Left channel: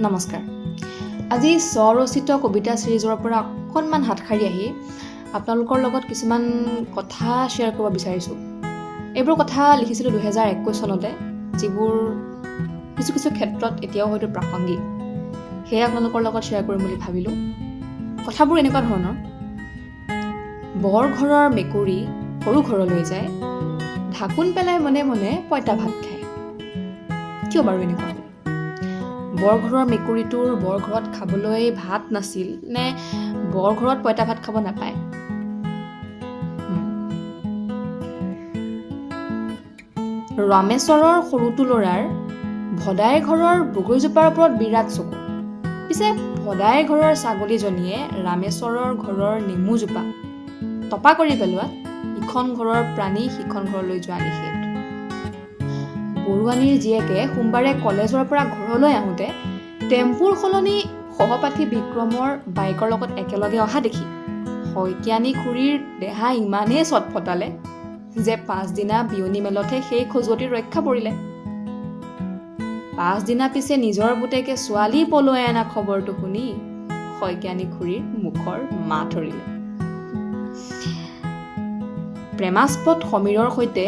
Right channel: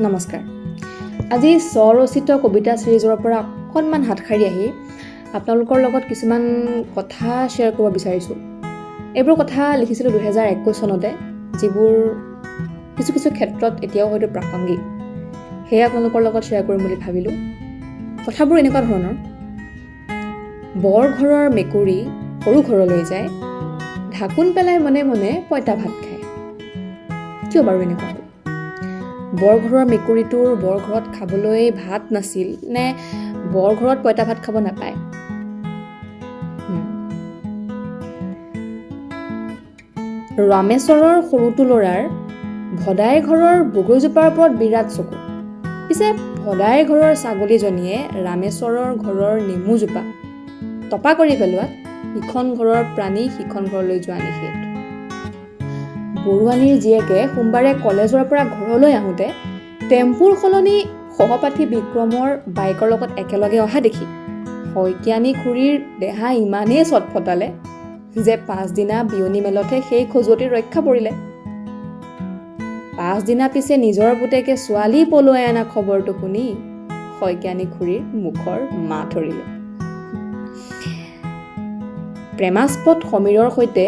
নমস্কাৰ। আজি স্বৰচিত কবিতা ছিৰিজৰ পৰা অকণমান হাতসাৰি আহি আপোনালোকৰ লগত কিছুমান কথা শ্বেয়াৰ কৰিব বিচাৰিছোঁ। এইবোৰ কথা লিখিছিলোঁ 2021 চনতে, যিবোৰ কিছু ক্ষেত্ৰত এতিয়াও হয়তো প্ৰাসংগিক। সেয়ে আপোনালোকৰ লগত শ্বেয়াৰ কৰিম বুলি ভাবিলোঁ। কথাবোৰ এনেকুৱা ধৰণৰ: বৰ ঘৰৰ মেকুৰী সৰু ঘৰলৈ যায়, ঢাকোন পেলাই মনে মনে পঁইতা ভাত খায়। কিয় বাৰু এনেকুৱা হ'ল? বৰঘৰৰ মেকুৰীটোৰ বৰঘৰত খাবলৈ ভাত নাছিল নে বৰঘৰত পঁইতা ভাত খাব নাপায়? ৰামেশ্বৰৰ সৰুটো ল'ৰাৰ ভদাই ঘৰৰ বগৰীজোপাৰ ওপৰত বিৰাট চকু। পিছে ভদাই ঘৰৰ ছাগলীজনীয়ে ৰামেশ্বৰৰ ঘৰৰ নেমুজোপা তপা কৰি পেলোৱাত ইখন ঘৰৰ প্ৰাণী সিখন ঘৰলৈ যোৱা নিষেধ। বৰুৱানীৰ জীয়েকে সোমবাৰে কলেজৰ পৰা ঘৰলৈ আহোঁতে টেম্পুৰ সলনি সহপাঠী বিক্ৰমৰ বাইকৰ লগত একেলগে অহা দেখি শইকীয়ানী খুৰীৰ দেহা ইমানেই চটফটালে যে পাছদিনা বিয়নী মেলতহে সেই খজুৱতি ৰক্ষা পৰিলে। পাছদিনা পিছে নিজৰ পুতেকে ছোৱালী পলুৱাই অনা খবৰটো শুনি শইকীয়ানী খুৰীৰ মুখৰ মাত ধৰিলে। প্ৰেমাস্পদ সমীৰৰ সৈতে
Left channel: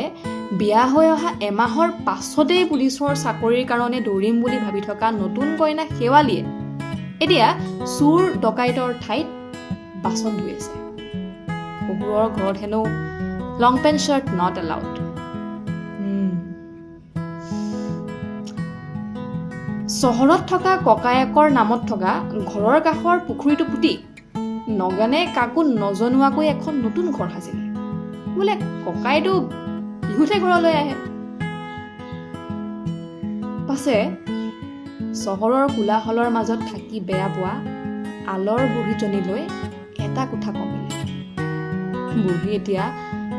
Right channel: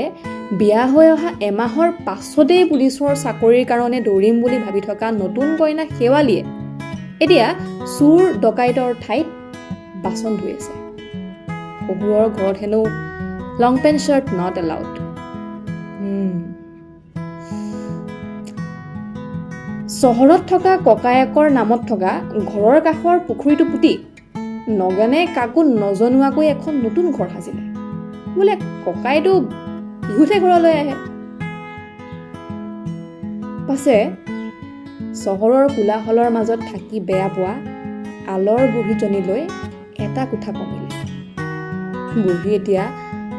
বিয়া হৈ অহা এমাহৰ পাছতেই পুলিচৰ চাকৰিৰ কাৰণে দৌৰিম বুলি ভাবি থকা নতুন কইনা শেৱালীয়ে এতিয়া চোৰ ডকাইতৰ ঠাইত বাচন ধুই আছে। শহুৰৰ ঘৰত হেনো লং পেণ্ট শ্বাৰ্ট নট এলাউড। চহৰত থকা ককায়েকৰ নামত থকা ঘৰৰ কাষৰ পুখুৰীটো পুতি নগেনে কাকো নজনোৱাকৈ এখন নতুন ঘৰ সাজিলে। বোলে ককাইটো বিহুতহে ঘৰলৈ আহে। পাছে চহৰৰ কোলাহলৰ মাজত থাকি বেয়া পোৱা আলৰ বুঢ়ীজনীলৈ এটা কোঠা কমিলে। বুঢ়ী এতিয়া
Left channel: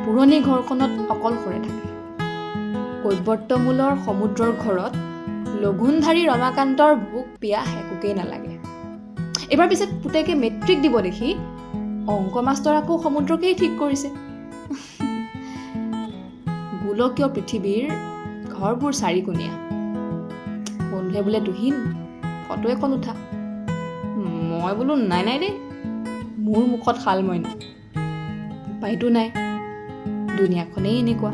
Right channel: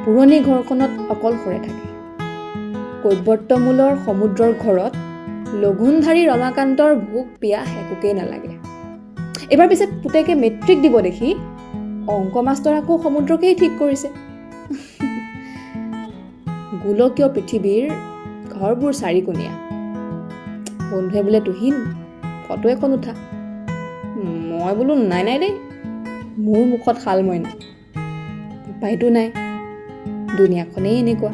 পুৰণি ঘৰখনত অকলশৰে থাকে। কৈৱৰ্তমূলৰ সমুদ্ৰৰ ঘৰত লঘোণধাৰী ৰমাকান্তৰ ভোক পিয়াহ একোকেই নালাগে। এইবাৰ পিছে পুতেকে মেট্ৰিক দিব দেখি অংক মাষ্টৰ আকৌ সমুদ্ৰকেই ঠিক কৰিছে। গোলকীয় পৃথিৱীৰ ঘৰবোৰ চাৰিকোণীয়া। বন্ধুৱে বোলে তুহিন ফটো এখন উঠা। মই বোলো নাই দেই, মোৰ মুখত শাল মইনা। উপায়তো নাই, দুনিয়াখনেই এনেকুৱা।